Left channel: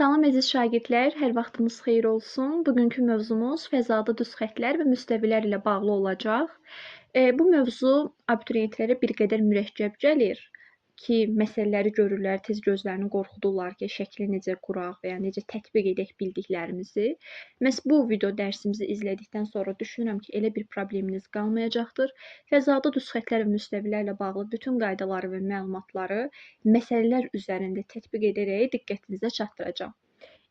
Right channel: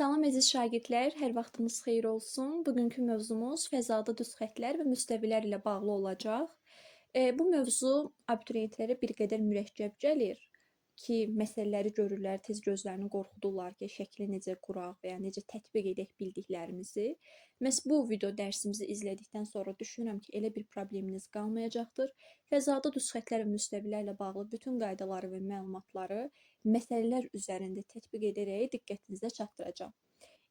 Salam əziz şagirdlər, hər vaxtınız xeyir olsun. Bugünkü mövzumuz fəzada düz xəttlər və müstəvilər ilə bağlı olacaq. Bu mövzu abituriyentlərə bir qədər mürəkkəb gəlir ki, məsələləri görürlər, tez gözlərini qorxudurlar ki, şəkli necə quraq və ya necə tətbiq edək bildiklərimizi. Məhz bu video dərsimizi izlədikdən sonra düşünürəm ki, elə bir probleminiz qalmayacaqdır. Fəzada düz xəttlər və müstəvilərlə bağlı bütün qaydaları və məlumatları məsələlər üzərində tətbiq edərək diqqətinizə çatdıracağam.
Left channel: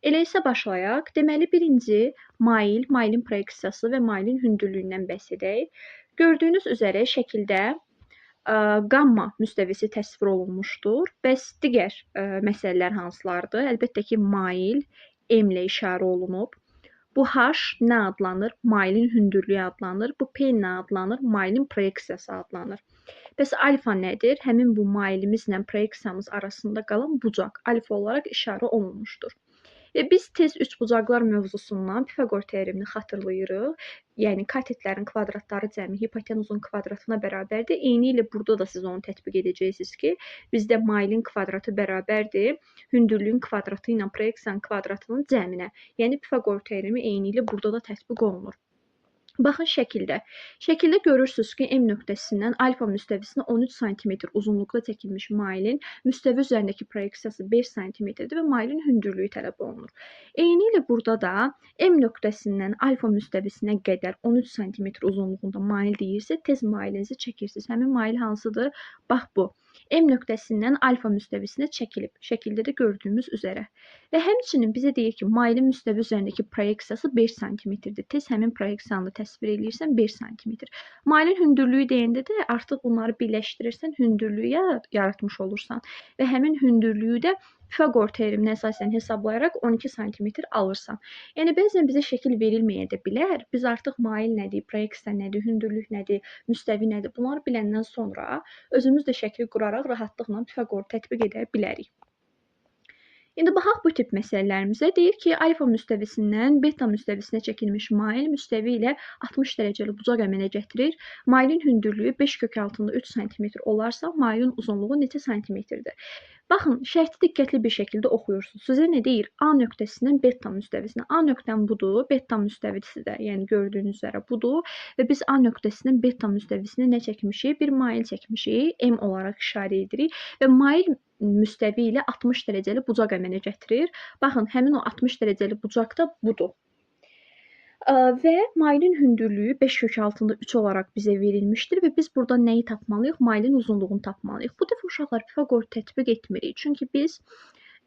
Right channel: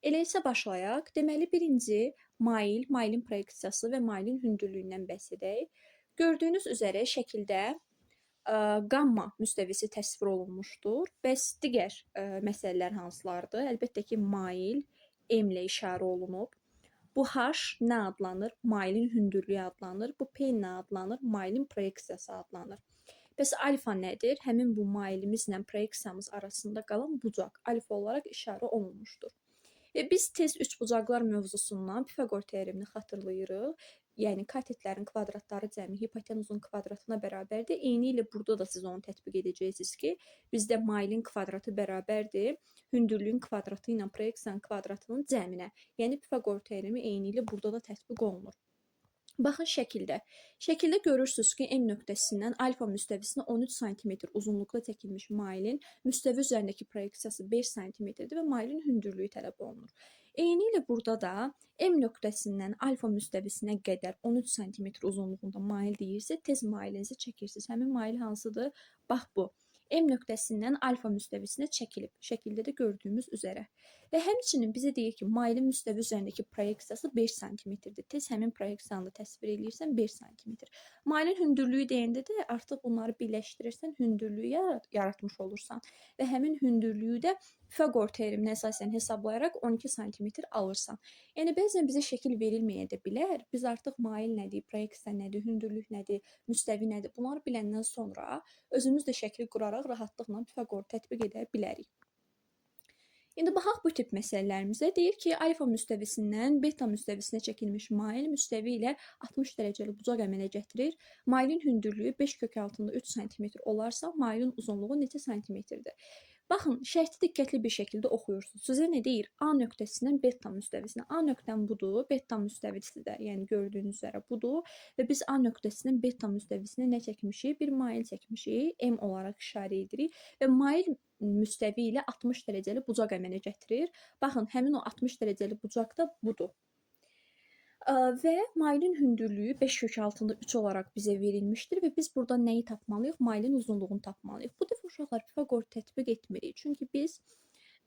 Elə isə başlayaq. Deməli, birinci mail, mailin proyeksiyası və mailin hündürlüyündən bəhs edək. Gördüyünüz üzərə şəkildə qamma müstəvisi təsvir olunmuşdur. Bəs digər məsələlər hansılardır? Əlbəttə ki, mail M ilə işarə olunub. Bu H nə adlanır? Mailin hündürlüyü adlanır. Bu P nə adlanır? Mailin proyeksiyası adlanır. Bəs alfa nədir? Həmin bu mailimizlə proyeksiyamız arasında qalan bucaq alfa olaraq işarə olunmuşdur. Biz tez üçbucaqlar mövzusundan Pifaqor teoremini xatırlayırıq. Yəni katetlərin kvadratları cəmi hipotenuzun kvadratına bərabərdir. Eynilə burada da siz onu tətbiq edəcəksiniz ki, bizdə mailin kvadratı bərabərdir hündürlüyün kvadratı ilə proyeksiyanın kvadratının cəminə. Yəni Pifaqor teoremi eynilə burada da tətbiq olunur. Baxın şəkildə. Şəkildə görürsünüz ki, M nöqtəsindən alfa müstəvisinə 13 sm uzunluqda çəkilmiş mailin müstəvi üzərindəki proyeksiyası 5 sm-dir və mailin hündürlüyü tələb olunur. Eynilə burada da M nöqtəsindən alfa müstəvisinə qədər 13 sm uzunluğunda mail deyirsə, tez mailinizi çəkirsiniz. Həmin mail hansıdır? Bax bu. M nöqtəsindən alfa müstəvisinə çəkilib. Şəkildə də gördüyümüz üzərə. Və həmçinin bizə deyir ki, mailin müstəvi üzərindəki proyeksiyası 5 sm-dir. Tez həmin proyeksiyanı təsvir edirsən 5 sm. Mailin hündürlüyü deyəndə də artıq bunları birləşdirirsən, hündürlüyü yaratmış olursan və həmin hündürlüyü də Pifaqor teoreminə əsasən hesablayaraq 12 sm alırsan. Yəni bəzən bizə şəkil verilməyə də bilər. Biz artıq mail nədir, proyeksiya nədir, hündürlük nədir, müstəvi nədir? Bunları biləndən sonra özümüz də şəkli quraraq rahatlıqla Pifaqoru tətbiq edə bilərik. İndi baxaq bu tip məsələlərimizə. Deyir ki, alfa müstəvisindən beta müstəvisinə çəkilmiş mail müstəvi ilə 60 dərəcəli bucaq əmələ gətirir. Mailin hündürlüyü 5 kök altında 3 sm olarsa, mailin uzunluğu neçə santimetrdir? Baxın, şərti diqqətli bir şəkildə oxuyursunuz. Sizə nə deyir? A nöqtəsindən beta müstəvisinə. A nöqtəm budur, beta müstəvisi də, yəni gördüyünüz üzərə budur və biz A nöqtəsindən beta müstəvisinə nə çəkmişik? Bir mail çəkmişik, M olaraq işarə edirik və mail müstəvi ilə 60 dərəcəli bucaq əmələ gətirir. Baxın, həmin o 60 dərəcəli bucaq da budur. Və mailin hündürlüyü 5 kök altında 3 olaraq bizə verilmişdir və biz burada nəyi tapmalıyıq? Mailin uzunluğunu tapmalıyıq. Bu dəfə uşaqlar Pifaqor tətbiq etmirik. Çünki biz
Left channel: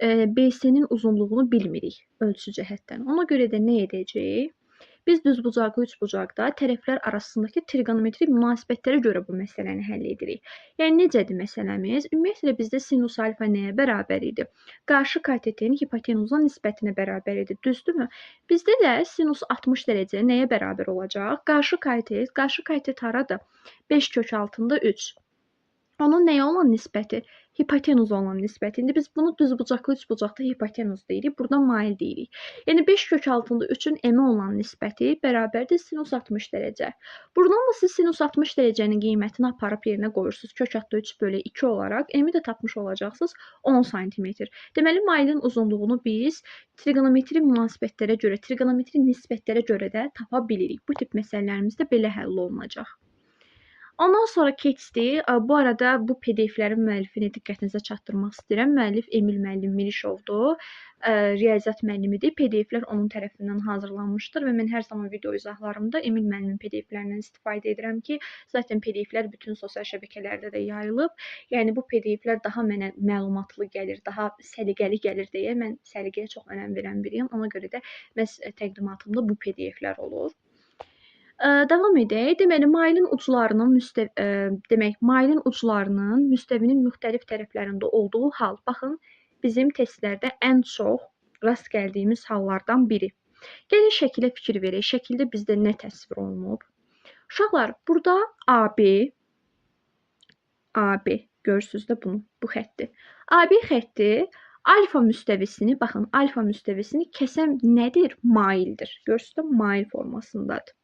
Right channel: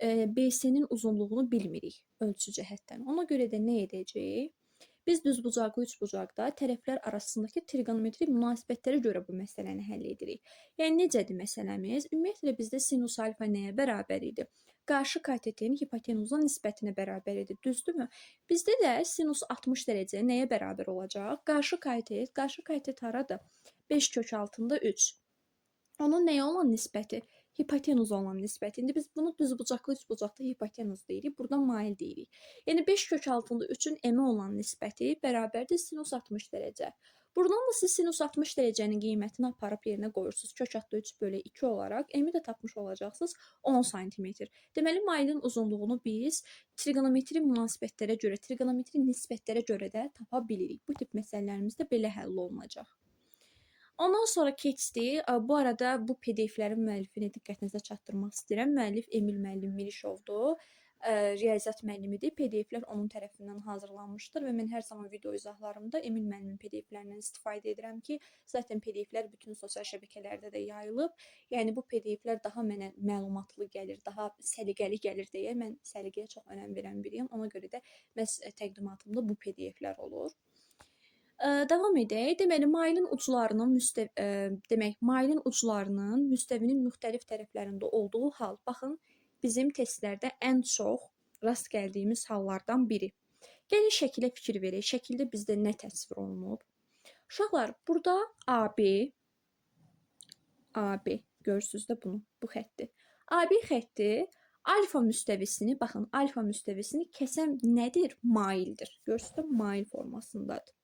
BC-nin uzunluğunu bilmirik ölçü cəhətdən. Ona görə də nə edəcəyik? Biz düzbucaqlı üçbucaqda tərəflər arasındakı trigonometrik münasibətlərə görə bu məsələni həll edirik. Yəni necədir məsələmiz? Ümumiyyətlə bizdə sinus alfa nəyə bərabər idi? Qarşı katetin hipotenuzun nisbətinə bərabər idi. Düzdürmü? Bizdə də sinus 60 dərəcə nəyə bərabər olacaq? Qarşı katet haradır? 5 kök altında 3. Onun nəyə olan nisbəti? Hipotenuz olan nisbəti. İndi biz bunu düzbucaqlı üçbucaqda hipotenuz deyirik, burada mail deyirik. Yəni 5 kök altında 3-ün m-ə olan nisbəti bərabərdir sinus 60 dərəcə. Buradan da siz sinus 60 dərəcənin qiymətini aparıb yerinə qoyursunuz. Kök altında 3 bölü 2 olaraq m-i də tapmış olacaqsınız 10 sm. Deməli, mailin uzunluğunu biz trigonometri münasibətlərə görə, trigonometri nisbətlərə görə də tapa bilirik. Bu tip məsələlərimizdə belə həll olunacaq. Ondan sonra keçdik. Bu arada bu PDF-lərin müəllifini diqqətinizə çatdırmaq istəyirəm. Müəllif Emil müəllim Mirişovdur. Riyaziyyat müəllimidir. PDF-lər onun tərəfindən hazırlanmışdır və mən hər zaman video izahlarımda Emil müəllimin PDF-lərindən istifadə edirəm ki, zaten PDF-lər bütün sosial şəbəkələrdə də yayılıb. Yəni bu PDF-lər daha mənə məlumatlı gəlir, daha səliqəli gəlir deyə mən səliqəyə çox önəm verən biriyəm. Ona görə də məhz təqdimatımda bu PDF-lər olur. Davam edək. Deməli, mailin uclarının müstəvinin müxtəlif tərəflərində olduğu hal. Baxın, bizim testlərdə ən çox rast gəldiyimiz hallardan biri. Gəlin şəkilə fikir verək. Şəkildə bizdə nə təsvir olunub? Uşaqlar, burada AB, görürsünüz də bunu, bu xətti. AB xətti alfa müstəvisini, baxın, alfa müstəvisini kəsən nədir? Maildir. Görürsünüz də mail formasındadır.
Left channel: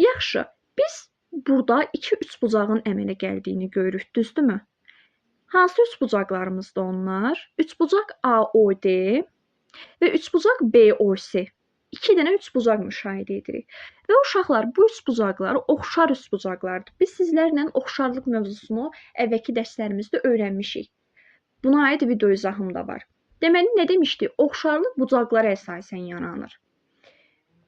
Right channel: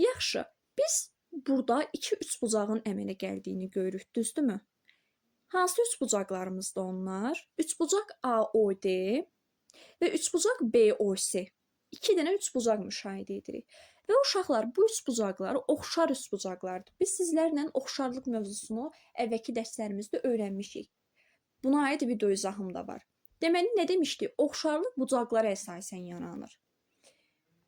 Yaxşı, biz burada 2 üçbucağın əmələ gəldiyini görürük, düzdürmü? Hansı üçbucaqlarımızdır onlar? Üçbucaq AOD, və üçbucaq BOC. 2 dənə üçbucaq müşahidə edirik. Və uşaqlar, bu üçbucaqlar oxşar üçbucaqlardır. Biz sizlərlə oxşarlıq mövzusunu əvvəlki dərslərimizdə öyrənmişik. Buna aid video izahım da var. Deməli, nə demişdik? Oxşarlıq bucaqlara əsasən yaranır.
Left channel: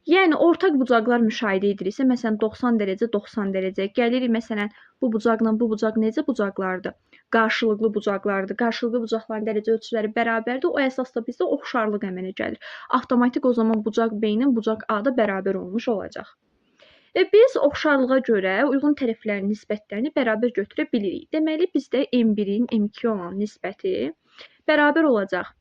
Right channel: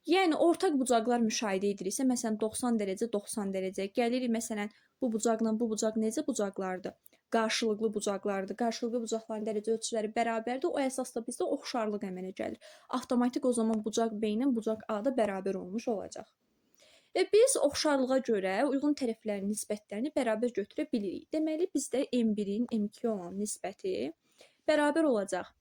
Yəni, ortaq bucaqlar müşahidə ediriksə, məsələn, 90 dərəcə, 90 dərəcə. Gəlirik, məsələn, bu bucaqla bu bucaq necə bucaqlardır? Qarşılıqlı bucaqlardır. Qarşılıqlı bucaqların dərəcə ölçüləri bərabərdir. O əsasda bizdə oxşarlıq əmələ gəlir. Avtomatik o zaman bucaq B-nin bucaq A-da bərabər olmuş olacaq. Və biz oxşarlığa görə uyğun tərəflərin nisbətlərini bərabər götürə bilirik. Deməli, bizdə M1-in M2 olan nisbəti bərabər olacaq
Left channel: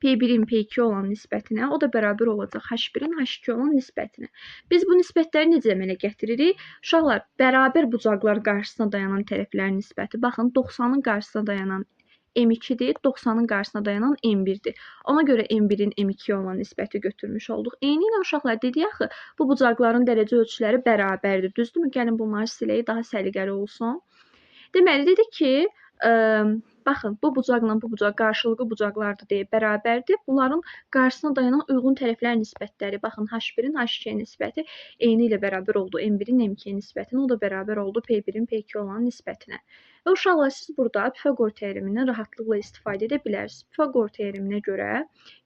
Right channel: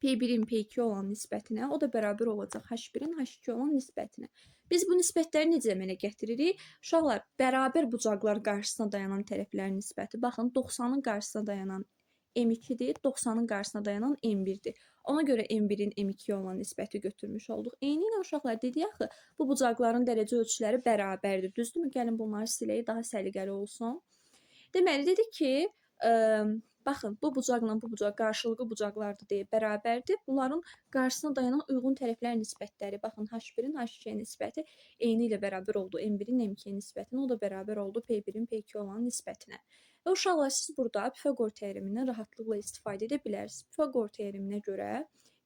P1-in P2 olan nisbətinə, o da bərabər olacaq H1-in H2 olan nisbətinə. Biz bu nisbətləri necə əmələ gətiririk? Uşaqlar, bərabər bucaqlar qarşısına dayanan tərəflərin nisbəti, baxın, 90-ın qarşısına dayanan M2-dir, 90-ın qarşısına dayanan M1-dir. Ona görə M1-in M2 olan nisbəti götürmüş olduq. Eynilə uşaqlar, dedik axı, bu bucaqların dərəcə ölçüləri bərabərdir. Düzdürmü? Gəlin bunları silək, daha səliqəli olsun. Deməli, dedik ki, baxın, bu bucaqla bu bucaq qarşılıqlı bucaqlardır deyə bərabərdir. Bunların qarşısına dayanan uyğun tərəflər nisbətləri, baxın, H1-in H2-yə nisbəti eyni ilə bərabər oldu M1-in M2-yə nisbətinə, o da bərabər oldu P1-in P2 olan nisbətinə. Və uşaqlar, siz burada Pifaqor teoremindən rahatlıqla istifadə edə bilərsiniz. Pifaqor teoreminə görə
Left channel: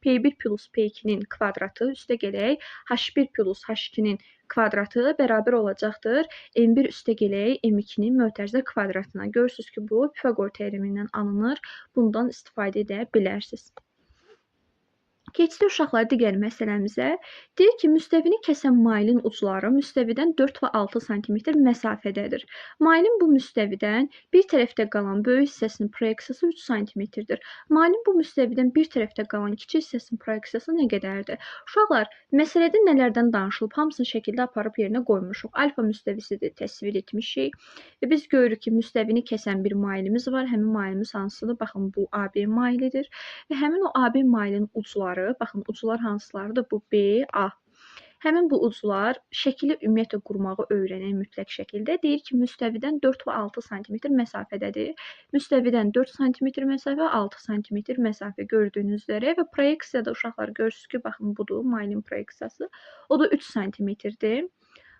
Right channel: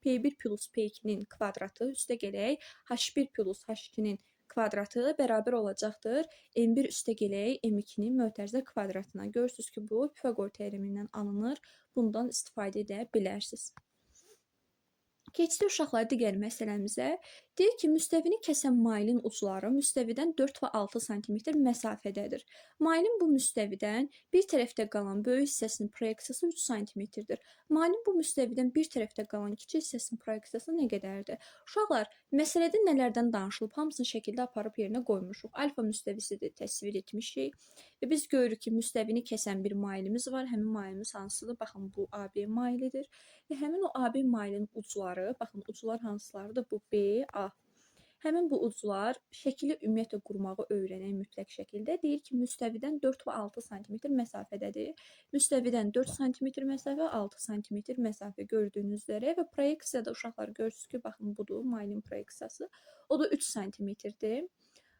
P1 plus P2-nin kvadratı üstə gələk H1 plus H2-nin kvadratı bərabər olacaqdır M1 üstə gələk M2-nin mötərizə kvadratına. Görürsünüz ki, bu Pifaqor teoremindən alınır. Bundan istifadə edə bilərsiniz. Keçdik uşaqlar digər məsələmizə. Deyir ki, müstəvini kəsən mailin ucları müstəvidən 4 və 6 sm məsafədədir. Mailin bu müstəvidən bir tərəfdə qalan böyük hissəsinin proyeksiyası 3 sm-dir. Mailin bu müstəvidən bir tərəfdə qalan kiçik hissəsinin proyeksiyası nə qədərdir? Uşaqlar, məsələdə nələrdən danışılıb, hamısını şəkildə aparıb yerinə qoymuşuq. Alfa müstəvisidir, təsvir etmişik. Və biz görürük ki, müstəvini kəsən bir mailimiz var. Həmin mailimiz hansıdır? Baxın, bu AB mailidir. Və həmin o AB mailin ucları, baxın, uclar hansılardır? Bu B, A. Həmin bu uclar şəkili ümumiyyətlə qurmağı öyrənək mütləq şəkildə. Deyir ki, müstəvidən 4 və 6 sm məsafədədir. Müstəvidən 4 sm məsafə, 6 sm məsafə gördüyünüz üzrə və proyeksiyada uşaqlar görürsünüz ki, baxın, budur mailin proyeksiyası. O da 3 sm-dir.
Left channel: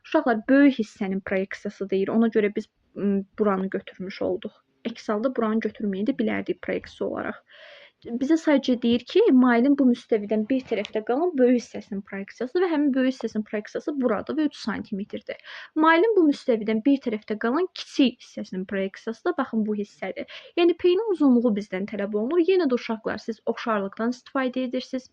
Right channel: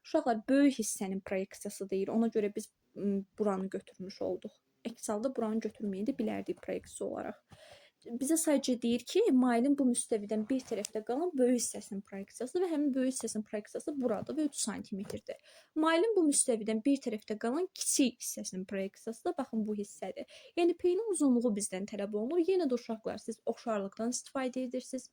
Uşaqlar, böyük hissənin proyeksiyası deyir. Ona görə biz buranı götürmüş olduq. Əks halda buranı götürməyə də bilərdik proyeksiya olaraq. Bizə sadəcə deyir ki, mailin bu müstəvidən bir tərəfdə qalan böyük hissəsinin proyeksiyası və həmin böyük hissəsinin proyeksiyası burada və 3 sm-dir. Mailin bu müstəvidən bir tərəfdə qalan kiçik hissəsinin proyeksiyası da baxın bu hissədir. Yəni P-nin uzunluğu bizdən tələb olunur. Yenə də uşaqlar, siz oxşarlıqdan istifadə edirsiniz.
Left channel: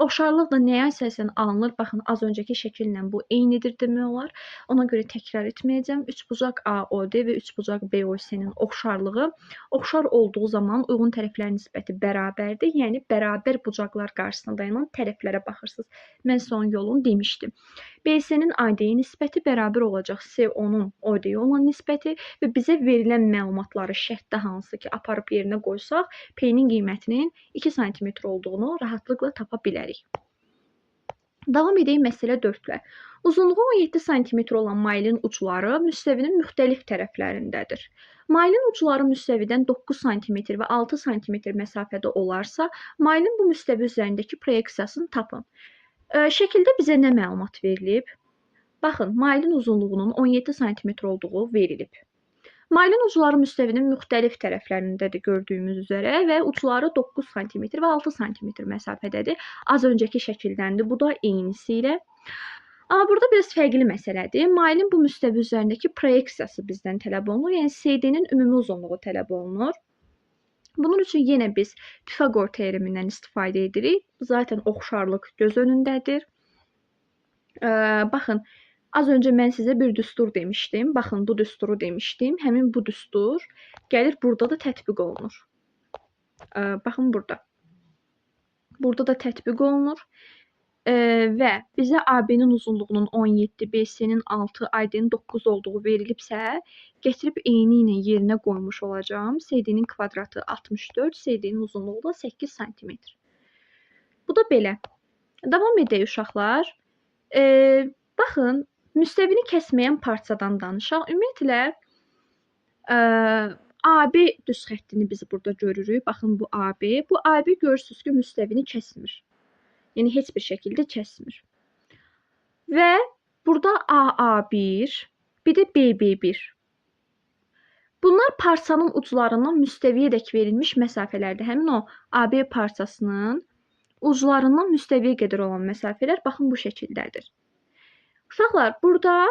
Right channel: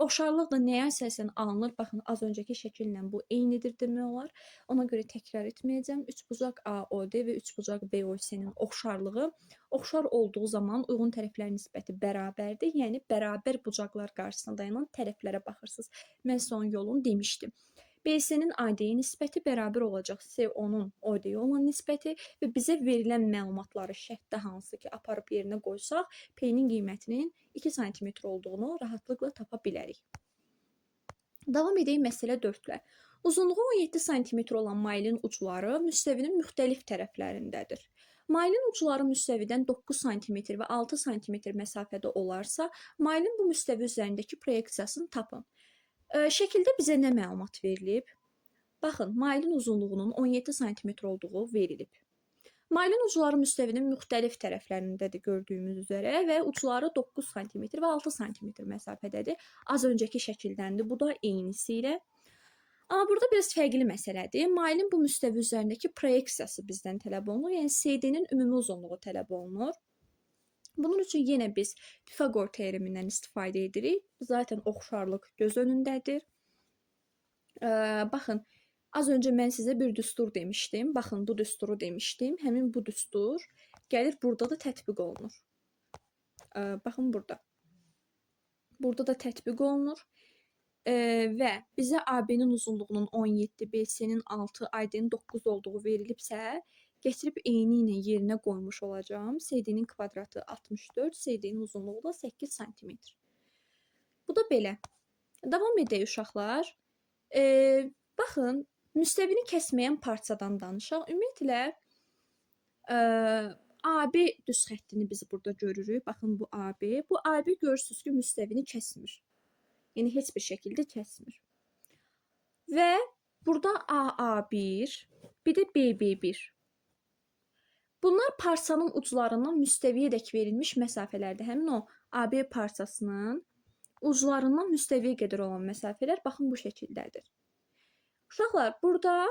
Oxşarlıq da nəyə əsasən alınır? Baxın, az öncəki şəkillə bu eynidir demək olar. Ona görə təkrar etməyəcəm. Üçbucaq AOD və üçbucaq BOC-nin oxşarlığı oxşar olduğu zaman uyğun tərəflərin nisbəti bərabərdir. Yəni, bərabər bucaqlar qarşısına dayanan tərəflərə baxırsınız. Mən son yolunu demişdim. BC-nin AD-yə nisbəti bərabər olacaq CO-nun OD-yə olan nisbəti və bizə verilən məlumatları şərtdə hansı ki, aparıb yerinə qoysaq, P-nin qiymətinin 2 sm olduğunu rahatlıqla tapa bilərik. Davam edək məsələ 4-lə. Uzunluğu 17 sm olan mailin ucları müstəvinin müxtəlif tərəflərindədir. Mailin ucları müstəvidən 9 sm və 6 sm məsafədə olarsa, mailin bu müstəvi üzərindəki proyeksiyasını tapın. Şəkildə bizə nə məlumat verilib? Baxın, mailin uzunluğunun 17 sm olduğu verilib. Mailin ucları müstəvinin müxtəlif tərəflərindədir gördüyümüz üzrə və ucları 9 sm və 6 sm məsafədədir. Az öncəki şəkildəndir, bu da eynisi ilə. Amma burada biraz fərqli məsələdir. Mailin bu müstəvi üzərindəki proyeksiyası bizdən tələb olunur. Yəni CD-nin ümumi uzunluğu tələb olunur. Bunun üçün yenə biz Pifaqor teoremindən istifadə edirik. Zaten oxşarlıq göz önündədir. Baxın, az öncə mən sizə bir düstur demişdim. Baxın, bu düsturu demişdim. Həmin bu düstur gəlir burada da tətbiq olunur. Baxın burada. Burada da tətbiq olunur. Və bizə AB-nin uzunluğunun 17, BC-nin 6, AD-nin 9 olduğu verilibsə, gətirib eyni ilə yerinə qoymuş olacağım. CD-nin kvadratı 64, CD-nin uzunluğu da 8 sm. Bu da belə. Davam edək uşaqlar. Baxın, müstəvini kəsməyən parçadan danışaq. Ümumiyyətlə, AB düz xəttini biz burada görürük. Baxın, bu AB. Bu AB görürsünüz ki, müstəvini kəsmir. Yəni heç bir şəkildə kəsmir. Və burada AA1, bir də BB1. Bunlar parçanın uclarından müstəviyədək verilmiş məsafələrdir. Həmin o AB parçasının uclarından müstəviyə qədər olan məsafələr baxın bu şəkildədir. Uşaqlar, burada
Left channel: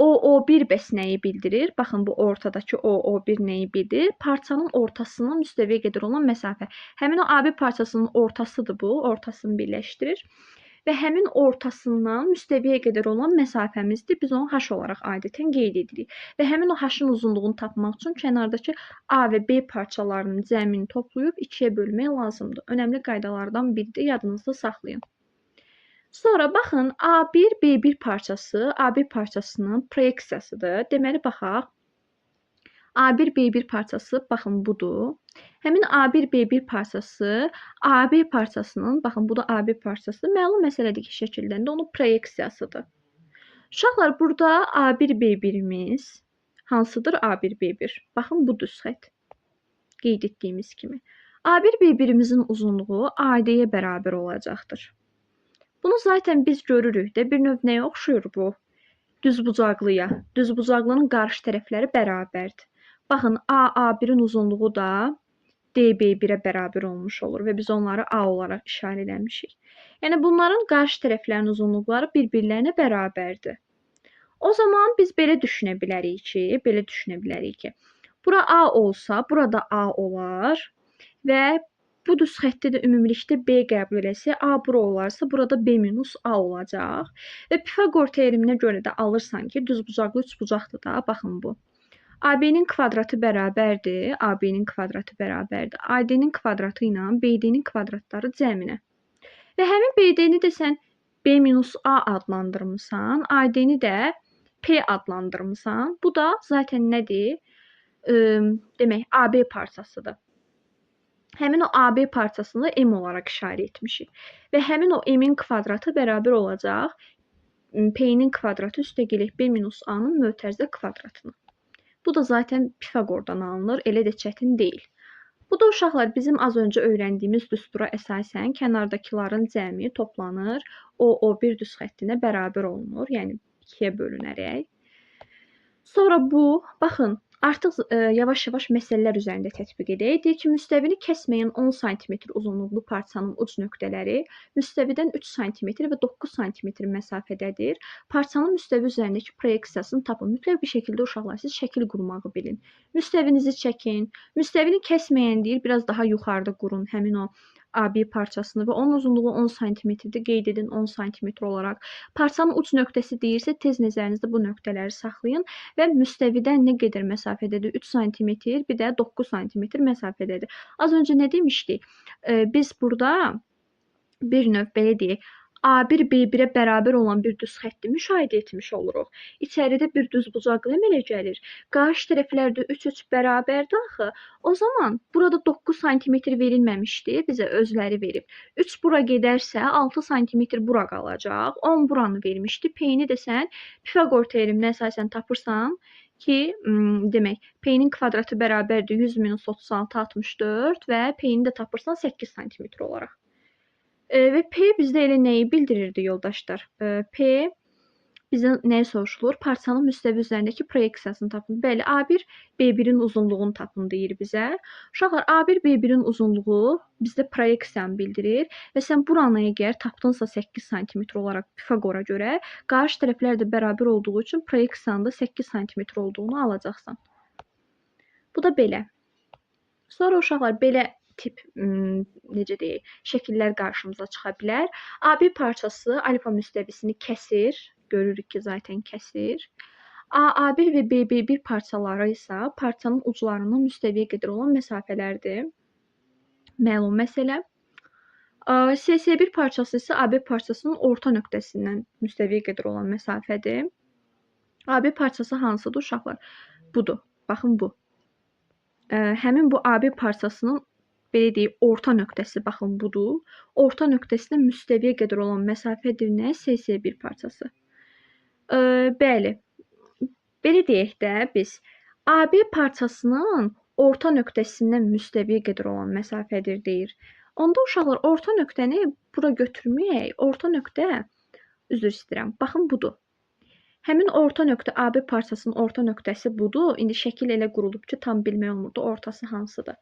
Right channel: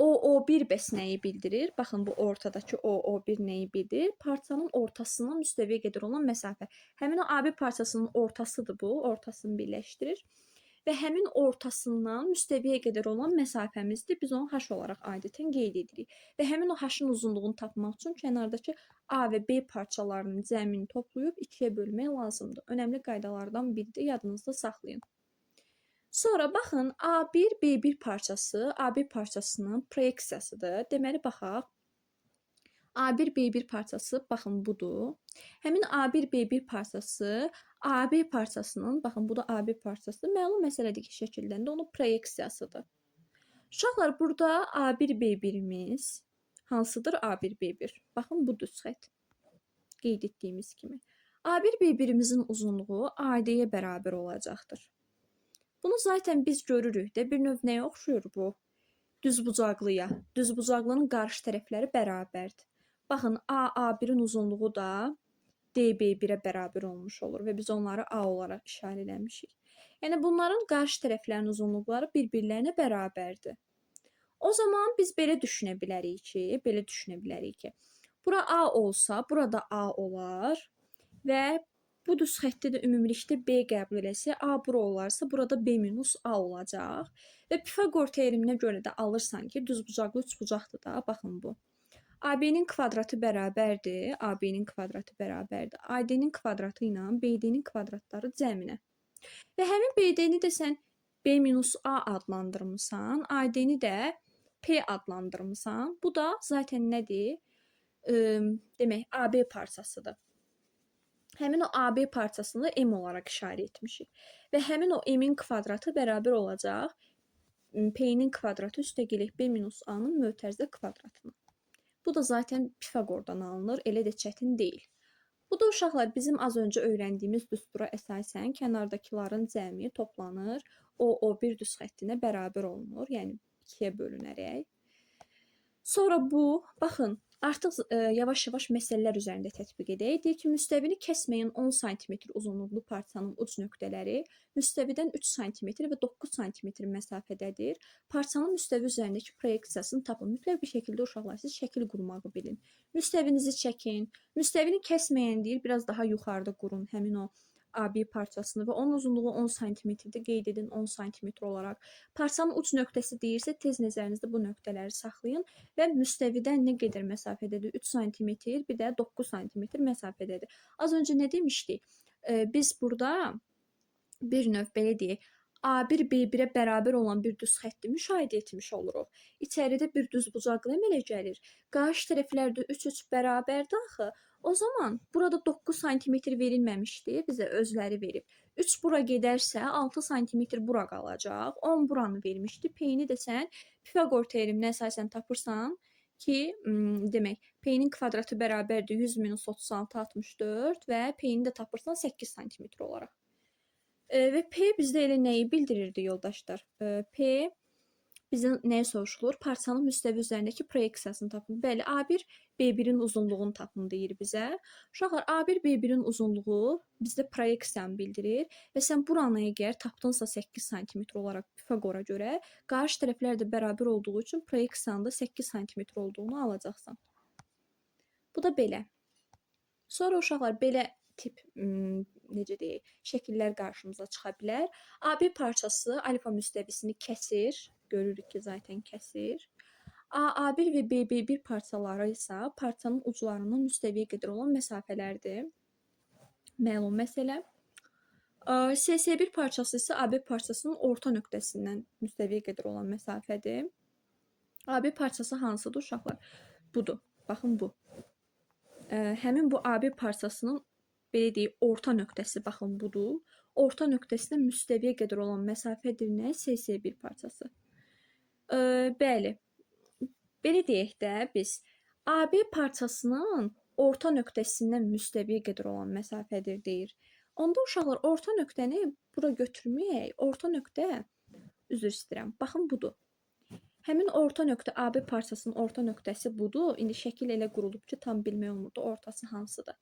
OO1 bəs nəyi bildirir? Baxın, bu ortadakı OO1 nəyi bildirir? Parçanın ortasından müstəviyə qədər olan məsafə. Həmin o AB parçasının ortasıdır bu, ortasını birləşdirir. Və həmin ortasından müstəviyə qədər olan məsafəmizdir. Biz onu H olaraq adətən qeyd edirik. Və həmin o H-ın uzunluğunu tapmaq üçün kənardakı A və B parçalarının cəmini toplayıb 2-yə bölmək lazımdır. Önəmli qaydalardan biridir, yadınızda saxlayın. Sonra baxın, A1, B1 parçası AB parçasının proyeksiyasıdır. Deməli, baxaq. A1, B1 parçası, baxın, budur. Həmin A1, B1 parçası AB parçasının, baxın, bu da AB parçası, məlum məsələdir ki, şəkildən də onun proyeksiyasıdır. Uşaqlar, burada A1, B1-imiz hansıdır? A1, B1. Baxın, bu düz xətt. Qeyd etdiyimiz kimi. A1, B1-imizin uzunluğu AD-yə bərabər olacaqdır. Bunu zaten biz görürük də, bir növ nəyə oxşuyur bu? Düzbucaqlıya. Düzbucaqlının qarşı tərəfləri bərabərdir. Baxın, AA1-in uzunluğu da DB1-ə bərabər olmuş olur və biz onları A olaraq işarə eləmişik. Yəni, bunların qarşı tərəflərinin uzunluqları bir-birlərinə bərabərdir. O zaman biz belə düşünə bilərik ki, bura A olsa, burada A olar və bu düz xətti də ümumilikdə B qəbul eləsə, A bura olarsa, burada B minus A olacaq. Və Pifaqor teoreminə görə də alırsan ki, düzbucaqlı üçbucaqdır da, baxın bu. AB-nin kvadratı bərabərdir, AB-nin kvadratı bərabərdir. AD-nin kvadratı ilə BD-nin kvadratları cəminə. Və həmin BD-ni də sən B minus A adlandırmısan, AD-ni də P adlandırmısan. Bu da zaten nədir? Demək, AB parçasıdır. Həmin o AB parçasını M olaraq işarə etmişik. Və həmin o M-in kvadratı bərabər olacaq P-nin kvadratı üstə gələk B minus A-nın mötərizə kvadratına. Bu da zaten Pifaqordan alınır, elə də çətin deyil. Bu da uşaqlar bizim az öncə öyrəndiyimiz düstura əsasən kənardakıların cəmi toplanır, O1 düz xəttinə bərabər olunur, yəni 2-yə bölünərək. Sonra bu, baxın, artıq yavaş-yavaş məsələlər üzərində tətbiq edək. Deyir ki, müstəvini kəsməyən 10 sm uzunluqlu parçanın uc nöqtələri müstəvidən 3 sm və 9 sm məsafədədir. Parçanın müstəvi üzərindəki proyeksiyasını tapın. Mütləq bir şəkildə uşaqlar siz şəkil qurmağı bilin. Müstəvinizi çəkin. Müstəvini kəsməyən deyir, biraz daha yuxarıda qurun həmin o AB parçasını və onun uzunluğu 10 sm-dir. Qeyd edin 10 sm olaraq. Parçanın uc nöqtəsi deyirsə, tez nəzərinizdə bu nöqtələri saxlayın və müstəvidən nə qədər məsafədədir? 3 sm, bir də 9 sm məsafədədir. Az öncə nə demişdik? Biz burada bir növ belə deyək, A1 B1-ə bərabər olan bir düz xətti müşahidə etmiş oluruq. İçəridə bir düzbucaqlı əmələ gəlir. Qarşı tərəflərdə 3 bərabərdir axı. O zaman burada 9 sm verilməmişdi, bizə özləri verib. 3 bura gedərsə 6 sm bura qalacaq. 10 buranı vermişdi. P-ni də sən Pifaqor teoreminə əsasən tapırsan ki, demək, P-nin kvadratı bərabərdir 100 minus 36 64 və P-ni də tapırsan 8 sm olaraq. Və P bizdə elə nəyi bildirirdi yoldaşlar? P bizə nəyi soruşulur? Parçanın müstəvi üzərindəki proyeksiyasını tapın. Bəli, A1 B1-in uzunluğunu tapın deyir bizə. Uşaqlar, A1 B1-in uzunluğu bizdə proyeksiyanı bildirir və sən buranı əgər tapdınsa 8 sm olaraq Pifaqora görə, qarşı tərəflər də bərabər olduğu üçün proyeksiyanın da 8 sm olduğunu alacaqsan. Bu da belə. Sonra uşaqlar belə tip necə deyək, şəkillər qarşımıza çıxa bilər. AB parçası alfa müstəvisini kəsir. Görürük ki, zaten kəsir. AA1 və BB1 parçaları isə parçanın uclarından müstəviyə qədər olan məsafələrdir. Məlum məsələ. SS1 parçası isə AB parçasının orta nöqtəsindən müstəviyə qədər olan məsafədir. AB parçası hansıdır uşaqlar? Budur. Baxın bu. Həmin bu AB parçasının belə deyək, orta nöqtəsi, baxın, budur. Orta nöqtəsinə müstəviyə qədər olan məsafədir nə? SS1 parçası. Bəli, belə deyək də biz, AB parçasının orta nöqtəsindən müstəviyə qədər olan məsafədir deyir. Onda uşaqlar orta nöqtəni bura götürməyək. Orta nöqtə, üzr istəyirəm. Baxın budur. Həmin orta nöqtə AB parçasının orta nöqtəsi budur. İndi şəkil elə qurulub ki, tam bilmək olmurdu ortası hansıdır.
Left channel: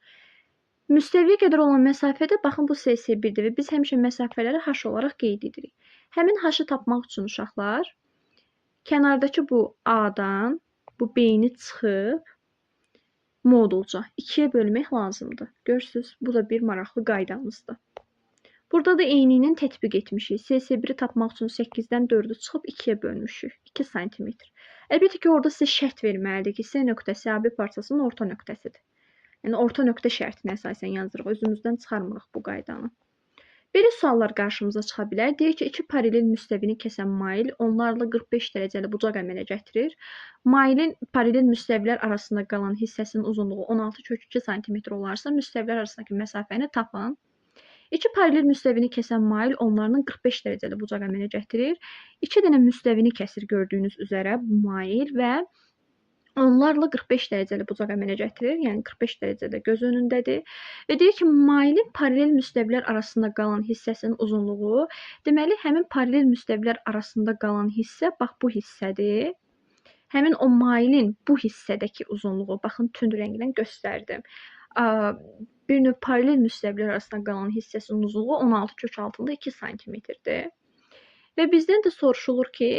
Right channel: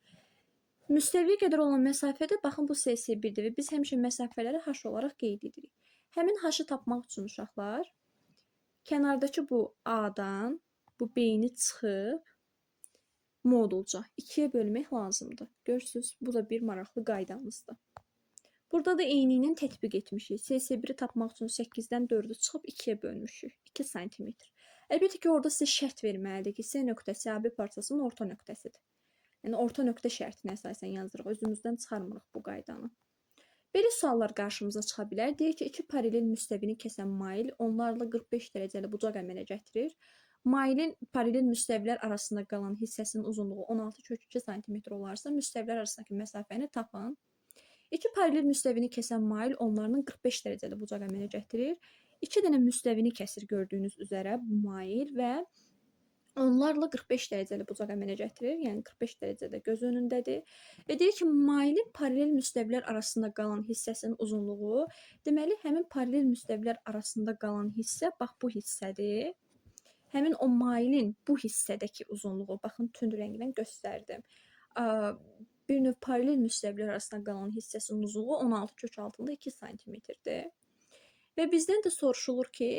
Müstəviyə qədər olan məsafədə baxın bu SS1-dir və biz həmişə məsafələri h olaraq qeyd edirik. Həmin h-ı tapmaq üçün uşaqlar kənardakı bu A-dan bu B-ni çıxıb modulca 2-yə bölmək lazımdır. Görürsüz, bu da bir maraqlı qaydamızdır. Burada da eyniylə tətbiq etmişik. SS1-i tapmaq üçün 8-dən 4-ü çıxıb 2-yə bölmüşük. 2 sm. Əlbəttə ki, orada sizə şərt verməlidir ki, S nöqtəsi AB parçasının orta nöqtəsidir. Yəni, orta nöqtə şərtinə əsasən yazdırıq. Özümüzdən çıxarmırıq bu qaydanı. Belə suallar qarşımıza çıxa bilər. Deyir ki, iki paralel müstəvini kəsən mail onlarla 45 dərəcəli bucaq əmələ gətirir. Mailin paralel müstəvilər arasında qalan hissəsinin uzunluğu 16,2 sm olarsa, müstəvilər arasındakı məsafəni tapın. İki paralel müstəvini kəsən mail onlarla 45 dərəcəli bucaq əmələ gətirir. İki dənə müstəvini kəsir gördüyünüz üzərə bu mail və onlarla 45 dərəcəli bucaq əmələ gətirir. Yəni 45 dərəcədə göz önündədir. Və deyir ki, mailin paralel müstəvilər arasında qalan hissəsinin uzunluğu, deməli, həmin paralel müstəvilər arasında qalan hissə bax bu hissədir. Həmin o mailin bu hissədəki uzunluğu, baxın, tünd rənglə göstərdim. Bir növ paralel müstəvilər arasında qalan hissəsinin uzunluğu 16,2 sm-dir. Və bizdən də soruşulur ki,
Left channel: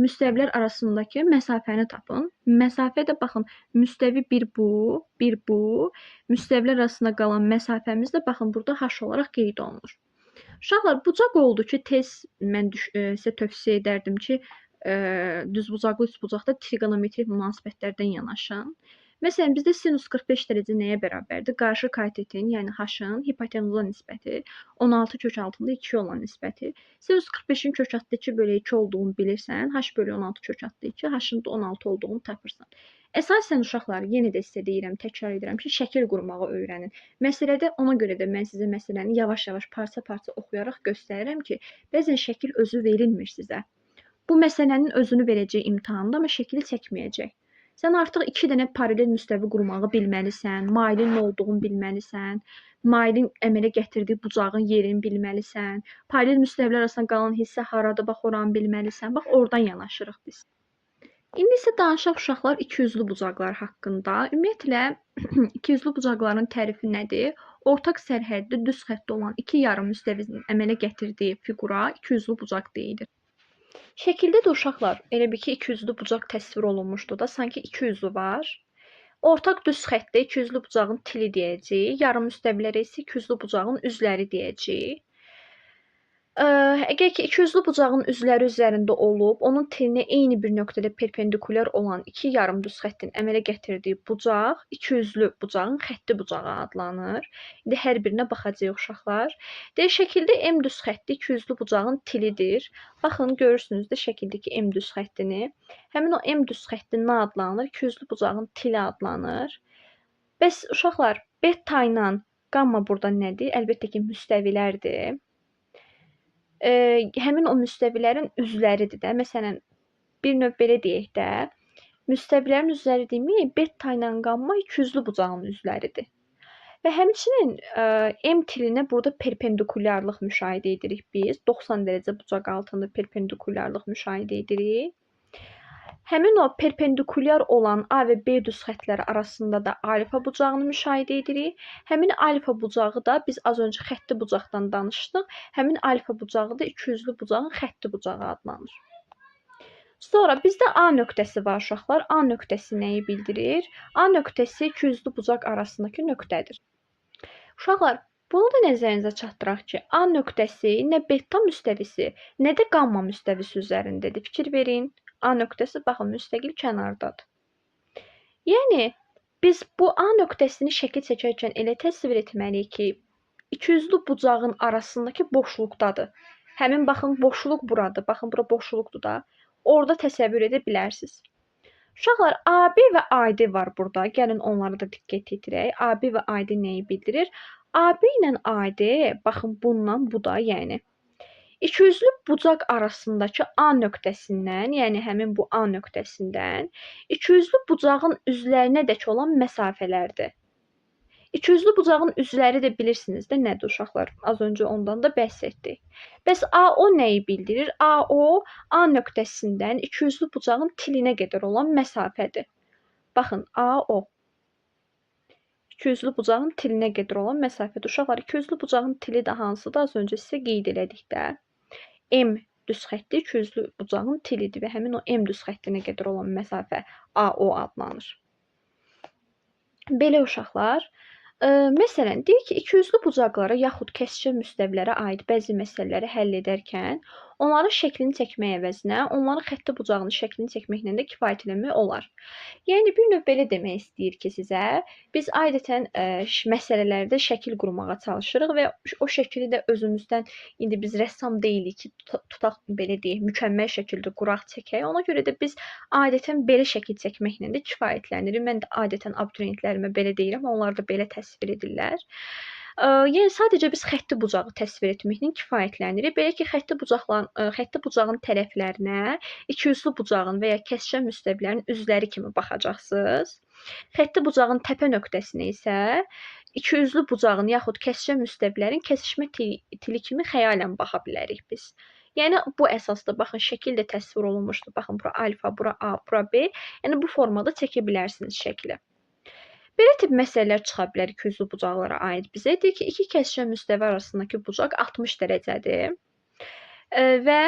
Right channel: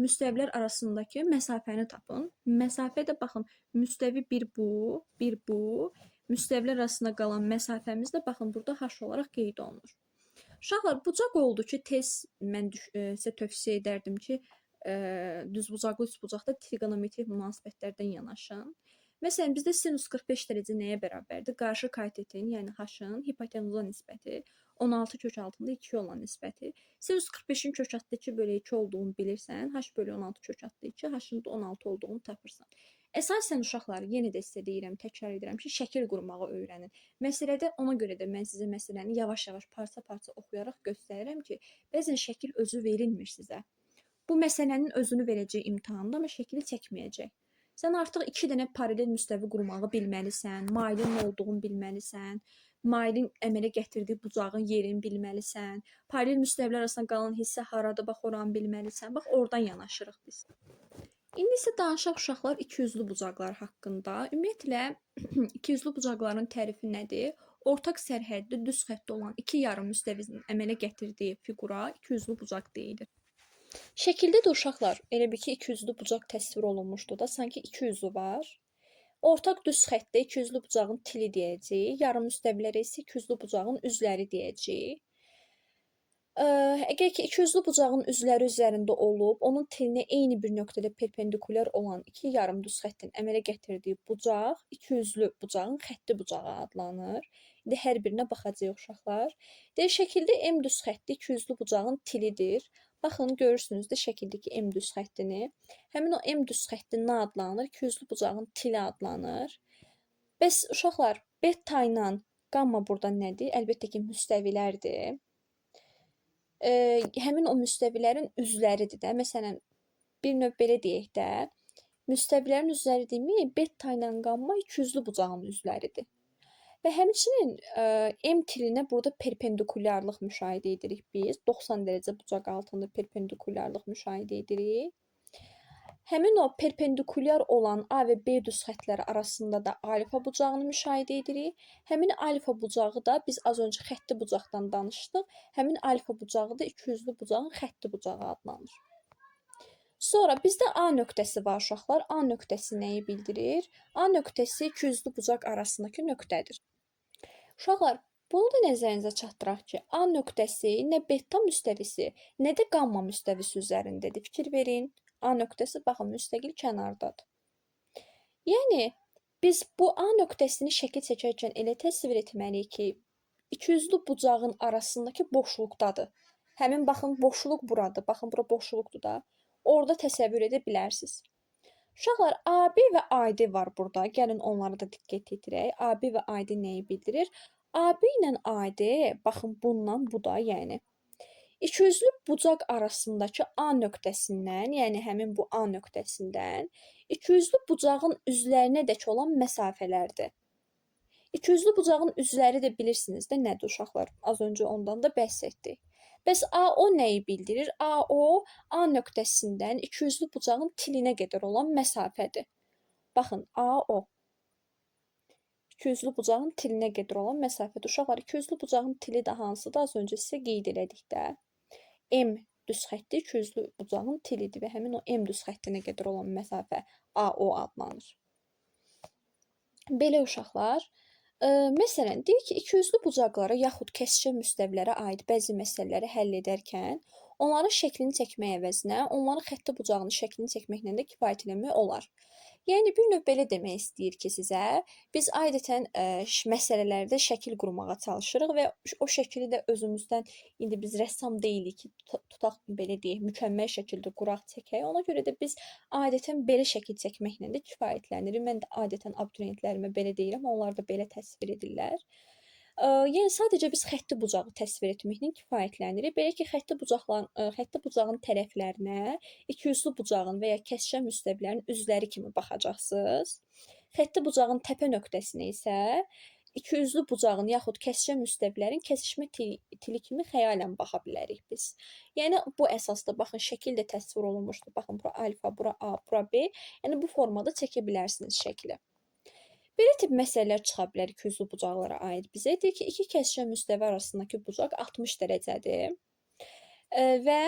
müstəvilər arasındakı məsafəni tapın. Məsafə də baxın, müstəvi bir bu, bir bu. Müstəvilər arasında qalan məsafəmiz də baxın burada h olaraq qeyd olunur. Uşaqlar, bucaq oldu ki, tez mən sizə tövsiyə edərdim ki, düzbucaqlı üçbucaqda trigonometrik münasibətlərdən yanaşın. Məsələn, bizdə sinus 45 dərəcə nəyə bərabərdir? Qarşı katetin, yəni h-ın hipotenuza nisbəti, 16 kök altında 2 olan nisbəti. Sinus 45-in kök altında 2 bölü 2 olduğunu bilirsən, h bölü 16 kök altında 2, h-ın da 16 olduğunu tapırsan. Əsasən uşaqlar, yenə də sizə deyirəm, təkrar edirəm ki, şəkil qurmağı öyrənin. Məsələdə ona görə də mən sizə məsələni yavaş-yavaş, parça-parça oxuyaraq göstərirəm ki, bəzən şəkil özü verilmir sizə. Bu məsələnin özünü verəcək imtahanda, amma şəkili çəkməyəcək. Sən artıq 2 dənə paralel müstəvi qurmağı bilməlisən, mailin nə olduğunu bilməlisən, mailin əmələ gətirdiyi bucağın yerini bilməlisən, paralel müstəvilər arasında qalan hissə haradır, bax oranı bilməlisən, bax oradan yanaşırıq biz. İndi isə danışaq uşaqlar ikiyüzlü bucaqlar haqqında. Ümumiyyətlə, ikiyüzlü bucaqların tərifi nədir? Ortaq sərhəddə düz xəttdə olan iki yarım müstəvinin əmələ gətirdiyi fiqura ikiyüzlü bucaq deyilir. Şəkildə də uşaqlar, elə bir ki, ikiyüzlü bucaq təsvir olunmuşdur da, sanki iki üzü var. Ortaq düz xəttdə ikiyüzlü bucağın tili deyəcəyik, yarım müstəvilərə isə ikiyüzlü bucağın üzləri deyəcəyik. Əgər ki, ikiyüzlü bucağın üzləri üzərində olub, onun tilinə eyni bir nöqtədə perpendikulyar olan iki yarım düz xəttin əmələ gətirdiyi bucaq ikiyüzlü bucağın xətti bucağı adlanır. İndi hər birinə baxacağıq uşaqlar. Şəkildə M düz xətti ikiyüzlü bucağın tilidir. Baxın, görürsünüz də şəkildəki M düz xəttini. Həmin o M düz xətti nə adlanır? İkiyüzlü bucağın tili adlanır. Bəs uşaqlar, beta ilə qamma burada nədir? Əlbəttə ki, müstəvilərdir. Həmin o müstəvilərin üzləridir də. Məsələn, bir növ belə deyək də, müstəvilərin üzləri demək, beta ilə qamma ikiyüzlü bucağın üzləridir. Və həmçinin M tilinə burada perpendikulyarlıq müşahidə edirik biz. 90 dərəcə bucaq altında perpendikulyarlıq müşahidə edirik. Həmin o perpendikulyar olan A və B düz xəttləri arasında da alfa bucağını müşahidə edirik. Həmin alfa bucağı da biz az öncə xətti bucaqdan danışdıq. Həmin alfa bucağı da ikiyüzlü bucağın xətti bucağı adlanır. Sonra bizdə A nöqtəsi var uşaqlar. A nöqtəsi nəyi bildirir? A nöqtəsi ikiyüzlü bucaq arasındakı nöqtədir. Uşaqlar, bunu da nəzərinizə çatdıraq ki, A nöqtəsi nə beta müstəvisi, nə də qamma müstəvisi üzərindədir. Fikir verin. A nöqtəsi, baxın, müstəqil kənardadır. Yəni, biz bu A nöqtəsini şəkil çəkərkən elə təsvir etməliyik ki, ikiyüzlü bucağın arasındakı boşluqdadır. Həmin, baxın, boşluq buradır. Baxın, bura boşluqdur da. Orada təsəvvür edə bilərsiniz. Uşaqlar, AB və AD var burada. Gəlin onlara da diqqət edirək. AB və AD nəyi bildirir? AB ilə AD, baxın, bundan bu da, yəni. İkiyüzlü bucaq arasındakı A nöqtəsindən, yəni həmin bu A nöqtəsindən ikiyüzlü bucağın üzlərinədək olan məsafələrdir. İkiyüzlü bucağın üzləri də bilirsiniz də nədir uşaqlar? Az öncə ondan da bəhs etdik. Bəs AO nəyi bildirir? AO A nöqtəsindən ikiyüzlü bucağın tilinə qədər olan məsafədir. Baxın, AO ikiyüzlü bucağın tilinə qədər olan məsafədir. Uşaqlar, ikiyüzlü bucağın tili də hansıdır? Az öncə sizə qeyd elədik də. M düz xətti ikiyüzlü bucağın tilidir və həmin o M düz xəttinə qədər olan məsafə AO adlanır. Belə uşaqlar, məsələn, deyək ki, ikiyüzlü bucaqlara yaxud kəsişə müstəvilərə aid bəzi məsələləri həll edərkən, onların şəklini çəkmək əvəzinə, onların xətti bucağının şəklini çəkməklə də kifayət eləmək olar. Yəni, bir növ belə demək istəyir ki, sizə, biz adətən məsələlərdə şəkil qurmağa çalışırıq və o şəkili də özümüzdən, indi biz rəssam deyilik ki, tutaq, belə deyək, mükəmməl şəkildə quraq, çəkək. Ona görə də biz adətən belə şəkil çəkməklə də kifayətlənirik. Mən də adətən abituriyentlərimə belə deyirəm, onlar da belə təsvir edirlər. Yəni sadəcə biz xətti bucağı təsvir etməklə kifayətlənirik. Belə ki, xətti bucağın tərəflərinə ikiyüzlü bucağın və ya kəsişən müstəvilərin üzləri kimi baxacaqsınız. Xətti bucağın təpə nöqtəsinə isə ikiyüzlü bucağın yaxud kəsişən müstəvilərin kəsişmə tili kimi xəyalən baxa bilərik biz. Yəni bu əsasda baxın şəkil də təsvir olunmuşdur. Baxın bura alfa, bura A, bura B. Yəni bu formada çəkə bilərsiniz şəkli. Belə tip məsələlər çıxa bilər ikiyüzlü bucaqlara aid bizə. Deyək ki, iki kəsişən müstəvi arasındakı bucaq 60 dərəcədir. Və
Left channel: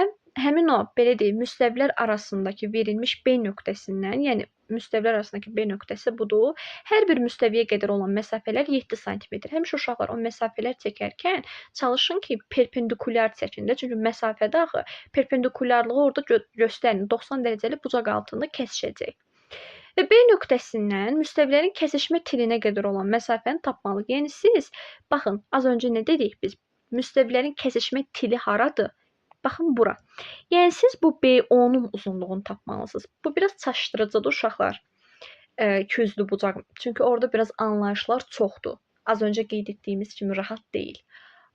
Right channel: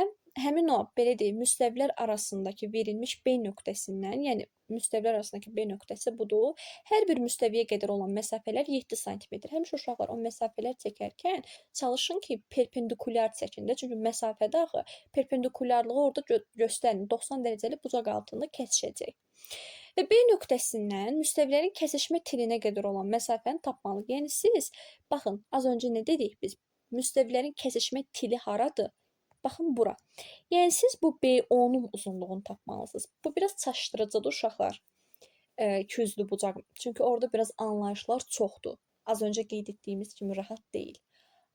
həmin o, belə deyək, müstəvilər arasındakı verilmiş B nöqtəsindən, yəni müstəvilər arasındakı B nöqtəsi budur. Hər bir müstəviyə qədər olan məsafələr 7 sm. Həmişə uşaqlar o məsafələr çəkərkən çalışın ki, perpendikulyar çəkin də. Çünki məsafədə axı perpendikulyarlığı orada göstərin. 90 dərəcəli bucaq altında kəsişəcək. Və B nöqtəsindən müstəvilərin kəsişmə tilinə qədər olan məsafəni tapmalıyıq. Yəni siz, baxın, az öncə nə dedik biz? Müstəvilərin kəsişmə tili haradır? Baxın bura. Yəni siz bu BO-nun uzunluğunu tapmalısınız. Bu biraz çaşdırıcıdır uşaqlar. İkiyüzlü bucaq. Çünki orada biraz anlayışlar çoxdur. Az öncə qeyd etdiyimiz kimi rahat deyil.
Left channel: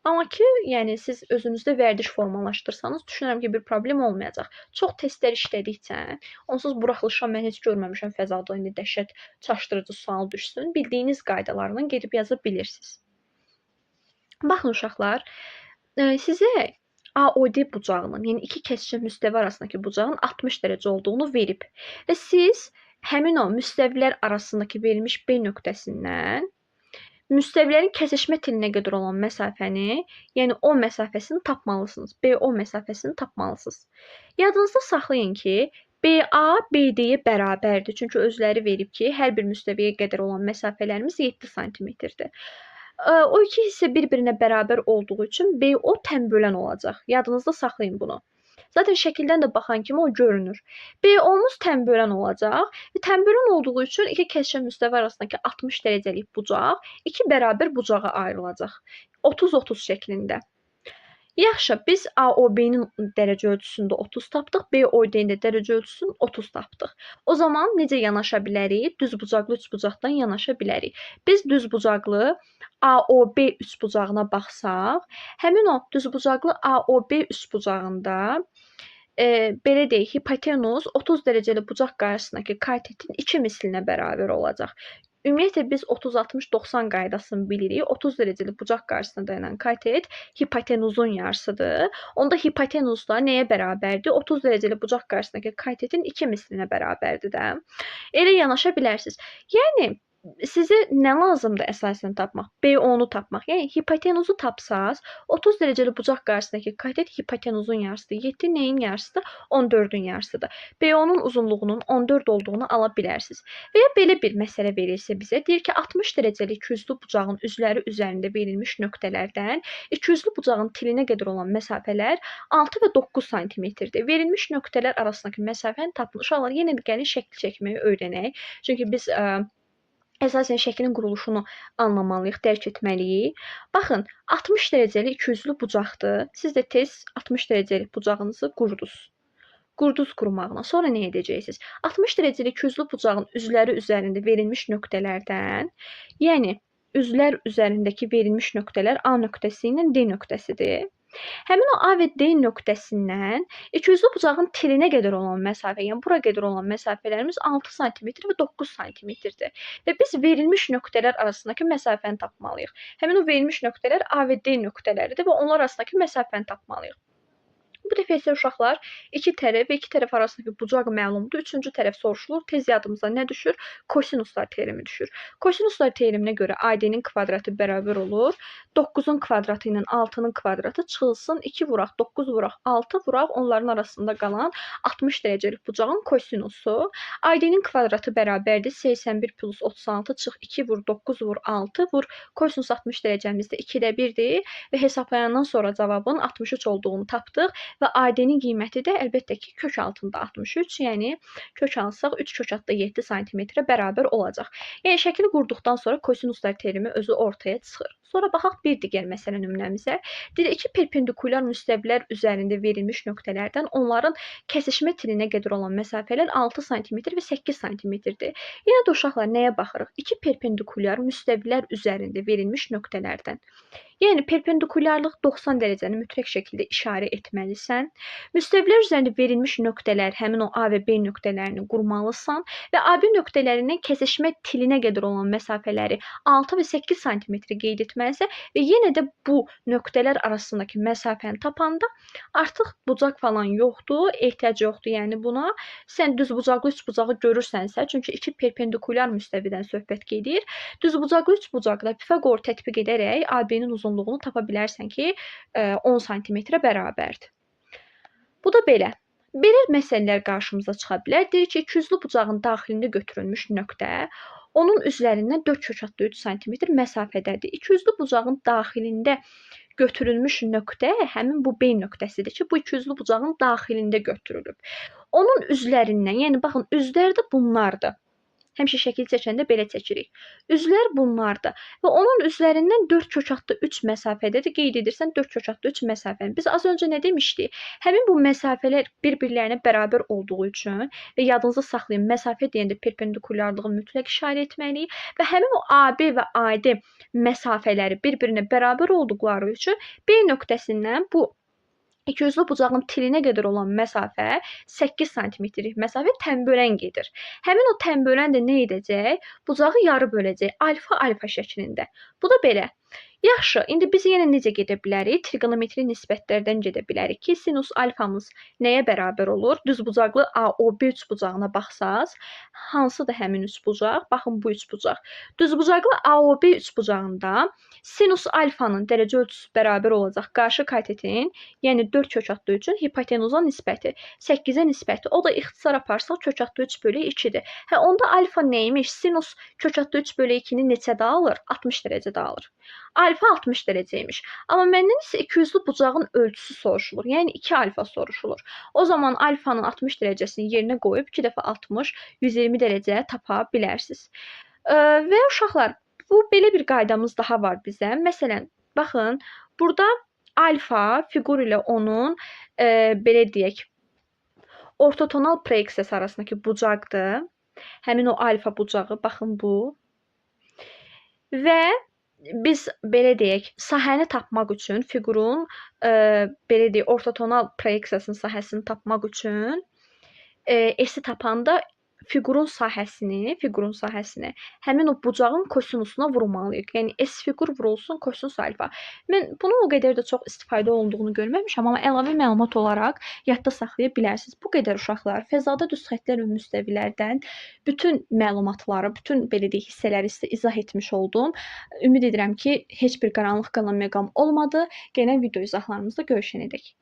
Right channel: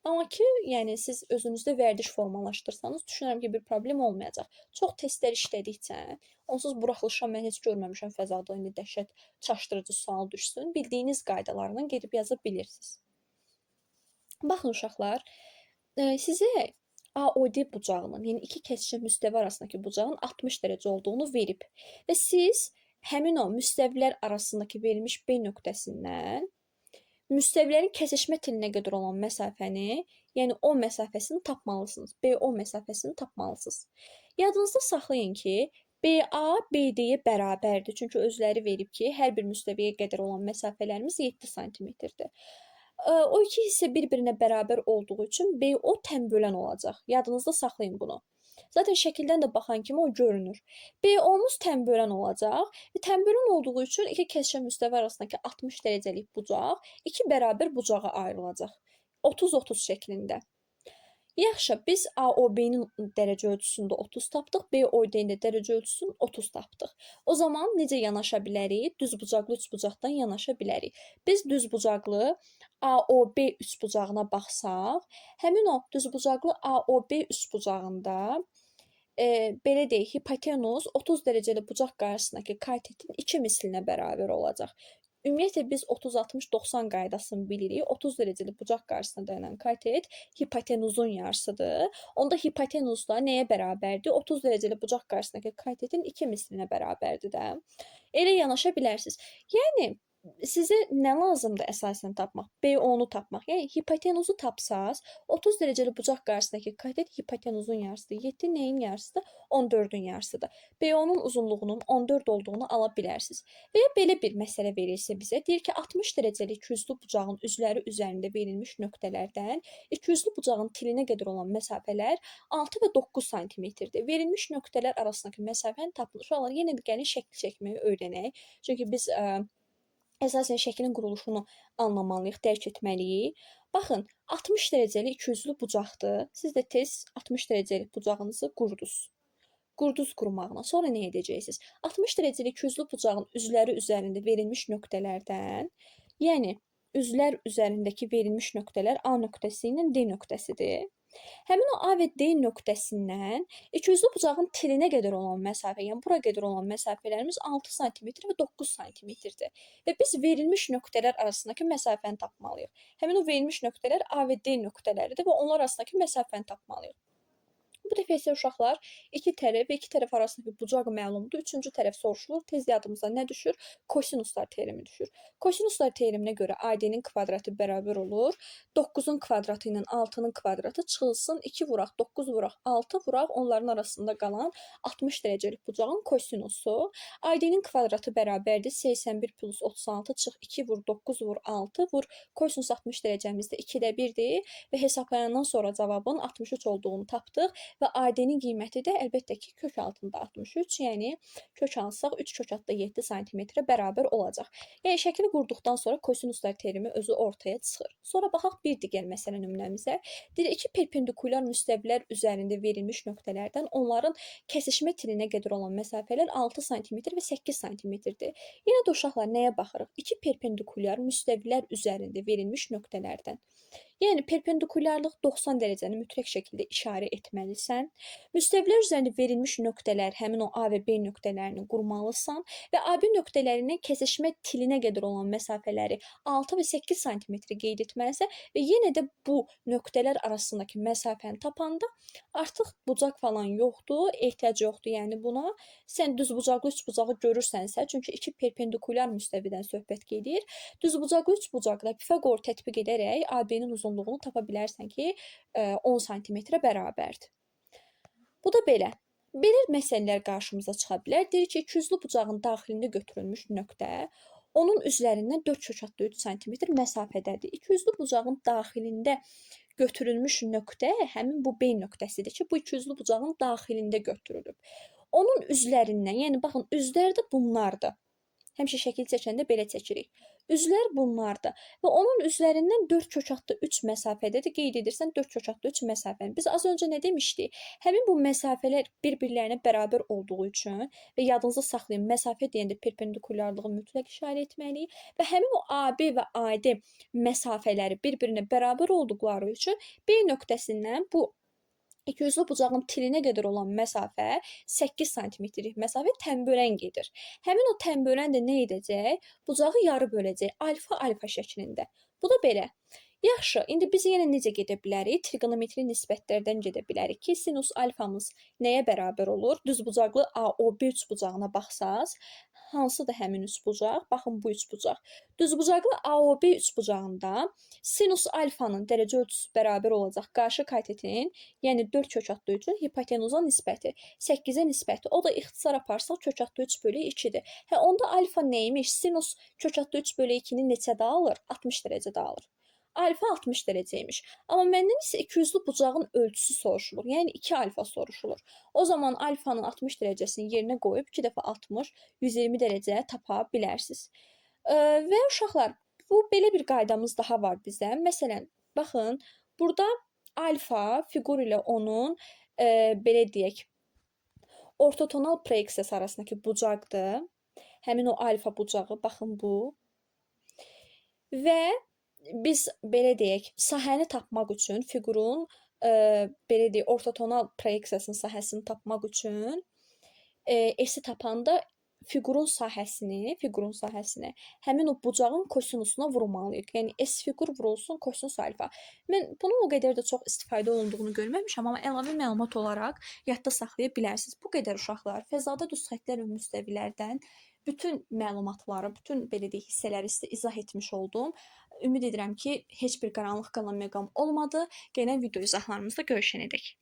Amma ki, yəni siz özünüzdə vərdiş formalaşdırsanız, düşünürəm ki, bir problem olmayacaq. Çox testlər işlədikcə, onsuz buraxılışa mən heç görməmişəm fəzada indi dəhşət çaşdırıcı sual düşsün. Bildiyiniz qaydalarla gedib yaza bilirsiniz. Baxın uşaqlar, sizə AOD bucağının, yəni iki kəsişən müstəvi arasındakı bucağın 60 dərəcə olduğunu verib və siz həmin o müstəvilər arasındakı verilmiş B nöqtəsindən müstəvilərin kəsişmə tilinə qədər olan məsafəni, yəni O məsafəsini tapmalısınız. BO məsafəsini tapmalısınız. Yadınızda saxlayın ki, BA BD-yə bərabərdir. Çünki özləri verib ki, hər bir müstəviyə qədər olan məsafələrimiz 7 sm-dir. O iki hissə bir-birinə bərabər olduğu üçün BO tənbölən olacaq. Yadınızda saxlayın bunu. Zaten şəkildən də baxan kimi o görünür. BO-muz tənbölən olacaq və tənbölən olduğu üçün iki kəsişən müstəvi arasındakı 60 dərəcəlik bucaq iki bərabər bucağa ayrılacaq. 30-30 şəklində. Yaxşı, biz AOB-nin dərəcə ölçüsündə 30 tapdıq, BOD-nin də dərəcə ölçüsünü 30 tapdıq. O zaman necə yanaşa bilərik? Düz bucaqlı üçbucaqdan yanaşa bilərik. Biz düz bucaqlı AOB üçbucağına baxsaq, həmin o düz bucaqlı AOB üçbucağında belə deyək, hipotenuz 30 dərəcəli bucaq qarşısındakı katetin 2 mislinə bərabər olacaq. Ümumiyyətlə biz 30-60-90 qaydasını bilirik. 30 dərəcəli bucaq qarşısında dayanan katet hipotenuzun yarısıdır. Onda hipotenuz da nəyə bərabərdir? 30 dərəcəli bucaq qarşısındakı katetin 2 mislinə bərabərdir də. Elə yanaşa bilərsiniz. Yəni sizə nə lazımdır əsasən tapmaq? BO-nu tapmaq. Yəni hipotenuzu tapsaz, 30 dərəcəli bucaq qarşısındakı katet hipotenuzun yarısıdır. 7 nəyin yarısıdır? 14-ün yarısıdır. BO-nun uzunluğunun 14 olduğunu ala bilərsiniz. Və ya belə bir məsələ verilsə bizə, deyir ki, 60 dərəcəli ikiyüzlü bucağın üzləri üzərində verilmiş nöqtələrdən ikiyüzlü bucağın tilinə qədər olan məsafələr 6 və 9 sm-dir. Verilmiş nöqtələr arasındakı məsafəni tapın. Uşaqlar, yenə də gəlin şəkil çəkməyi öyrənək. Çünki biz əsasən şəklin quruluşunu anlamalıyıq, dərk etməliyik. Baxın, 60 dərəcəli ikiyüzlü bucaqdır. Siz də tez 60 dərəcəli bucağınızı qurdunuz. Qurduz qurmağına. Sonra nə edəcəksiniz? 60 dərəcəli ikiyüzlü bucağın üzləri üzərində verilmiş nöqtələrdən, yəni üzlər üzərindəki verilmiş nöqtələr A nöqtəsi ilə D nöqtəsidir. Həmin o A və D nöqtəsindən ikiyüzlü bucağın tilinə qədər olan məsafə, yəni bura qədər olan məsafələrimiz 6 sm və 9 sm-dir. Və biz verilmiş nöqtələr arasındakı məsafəni tapmalıyıq. Həmin o verilmiş nöqtələr A və D nöqtələridir və onlar arasındakı məsafəni tapmalıyıq. Bu dəfə isə uşaqlar iki tərəf və iki tərəf arasındakı bucaq məlumdur. Üçüncü tərəf soruşulur. Tez yadımıza nə düşür? Kosinuslar teoremi düşür. Kosinuslar teoreminə görə AD-nin kvadratı bərabər olur. 9-un kvadratı ilə 6-nın kvadratı çıxılsın. 2 vuraq, 9 vuraq, 6 vuraq. Onların arasında qalan 60 dərəcəlik bucağın kosinusu. AD-nin kvadratı bərabərdir. 81 plus 36 çıx 2 vur, 9 vur, 6 vur. Kosinus 60 dərəcəmizdə 2-də 1-dir və hesablayandan sonra cavabın 63 olduğunu tapdıq. Və AD-nin qiyməti də əlbəttə ki, kök altında 63, yəni kök alsaq 3 kök altda 7 sm-ə bərabər olacaq. Yəni şəkili qurduqdan sonra kosinuslar terimi özü ortaya çıxır. Sonra baxaq bir digər məsələ nümunəmizə. Deyir, iki perpendikulyar müstəvilər üzərində verilmiş nöqtələrdən onların kəsişmə tilinə qədər olan məsafələr 6 sm və 8 sm-dir. Yenə də uşaqlar nəyə baxırıq? İki perpendikulyar müstəvilər üzərində verilmiş nöqtələrdən. Yəni perpendikulyarlıq 90 dərəcəni mütləq şəkildə işarə etməlisən. Müstəvilər üzərində verilmiş nöqtələr, həmin o A və B nöqtələrini qurmalısan və AB nöqtələrindən kəsişmə tilinə qədər olan məsafələri 6 və 8 sm qeyd etməlisən və yenə də bu nöqtələr arasındakı məsafəni tapanda artıq bucaq falan yoxdur, ehtiyac yoxdur. Yəni buna sən düzbucaqlı üçbucağı görürsənsə, çünki iki perpendikulyar müstəvidən söhbət gedir. Düzbucaqlı üçbucaqda Pifaqor tətbiq edərək AB-nin uzunluğunu tapa bilərsən ki, 10 sm-ə bərabərdir. Bu da belə. Belə məsələlər qarşımıza çıxa bilər. Deyir ki, ikiyüzlü bucağın daxilində götürülmüş nöqtə onun üzərindən 4 kök altda 3 sm məsafədədir. İkiyüzlü bucağın daxilində götürülmüş nöqtə həmin bu B nöqtəsidir ki, bu ikiyüzlü bucağın daxilində götürülüb. Onun üzlərindən, yəni baxın, üzlər də bunlardır. Həmişə şəkil çəkəndə belə çəkirik. Üzlər bunlardır və onun üzlərindən 4 kök altda 3 məsafədədir. Qeyd edirsən 4 kök altda 3 məsafəni. Biz az öncə nə demişdik? Həmin bu məsafələr bir-birlərinə bərabər olduğu üçün və yadınızda saxlayın, məsafə deyəndə perpendikulyarlığı mütləq işarə etməliyik və həmin o AB və AD məsafələri bir-birinə bərabər olduqları üçün B nöqtəsindən bu ikiyüzlü bucağın tilinə qədər olan məsafə 8 sm-lik məsafə tənbölən gedir. Həmin o tənbölən də nə edəcək? Bucağı yarı böləcək alfa-alfa şəklində. Bu da belə. Yaxşı, indi biz yenə necə gedə bilərik? Trigonometri nisbətlərdən gedə bilərik ki, sinus alfamız nəyə bərabər olur? Düzbucaqlı AOB üçbucağına baxsaz, hansıdır həmin üçbucaq? Baxın, bu üçbucaq. Düzbucaqlı AOB üçbucağında sinus alfanın dərəcə ölçüsü bərabər olacaq qarşı katetin, yəni 4 kök altda 3-ün hipotenuza nisbəti, 8-ə nisbəti. O da ixtisar aparsaq kök altda 3 bölü 2-dir. Onda alfa neymiş? Sinus kök altda 3 bölü 2-ni neçədə alır? 60 dərəcədə alır. Alfa 60 dərəcəymiş. Amma məndən isə ikiyüzlü bucağın ölçüsü soruşulur. Yəni 2 alfa soruşulur. O zaman alfanın 60 dərəcəsini yerinə qoyub 2 dəfə 60, 120 dərəcə tapa bilərsiniz. Və uşaqlar, bu belə bir qaydamız daha var bizə. Məsələn, baxın, burada alfa fiqur ilə onun belə deyək, ortotonal proyeksiyası arasındakı bucaqdır. Həmin o alfa bucağı, baxın bu. Və biz belə deyək, sahəni tapmaq üçün fiqurun belə deyək, ortotonal proyeksiyasının sahəsini tapmaq üçün S-i tapanda fiqurun sahəsini həmin o bucağın kosinusuna vurmalıyıq. Yəni S fiqur vurulsun kosinus alfa. Mən bunun o qədər də çox istifadə olunduğunu görməmişəm, amma əlavə məlumat olaraq yadda saxlaya bilərsiniz. Bu qədər uşaqlar. Fəzada düz xəttlər və müstəvilərdən bütün məlumatları, bütün belə deyək hissələri sizə izah etmiş oldum. Ümid edirəm ki, heç bir qaranlıq qalan məqam olmadı. Gələn video izahlarımızda görüşənədək.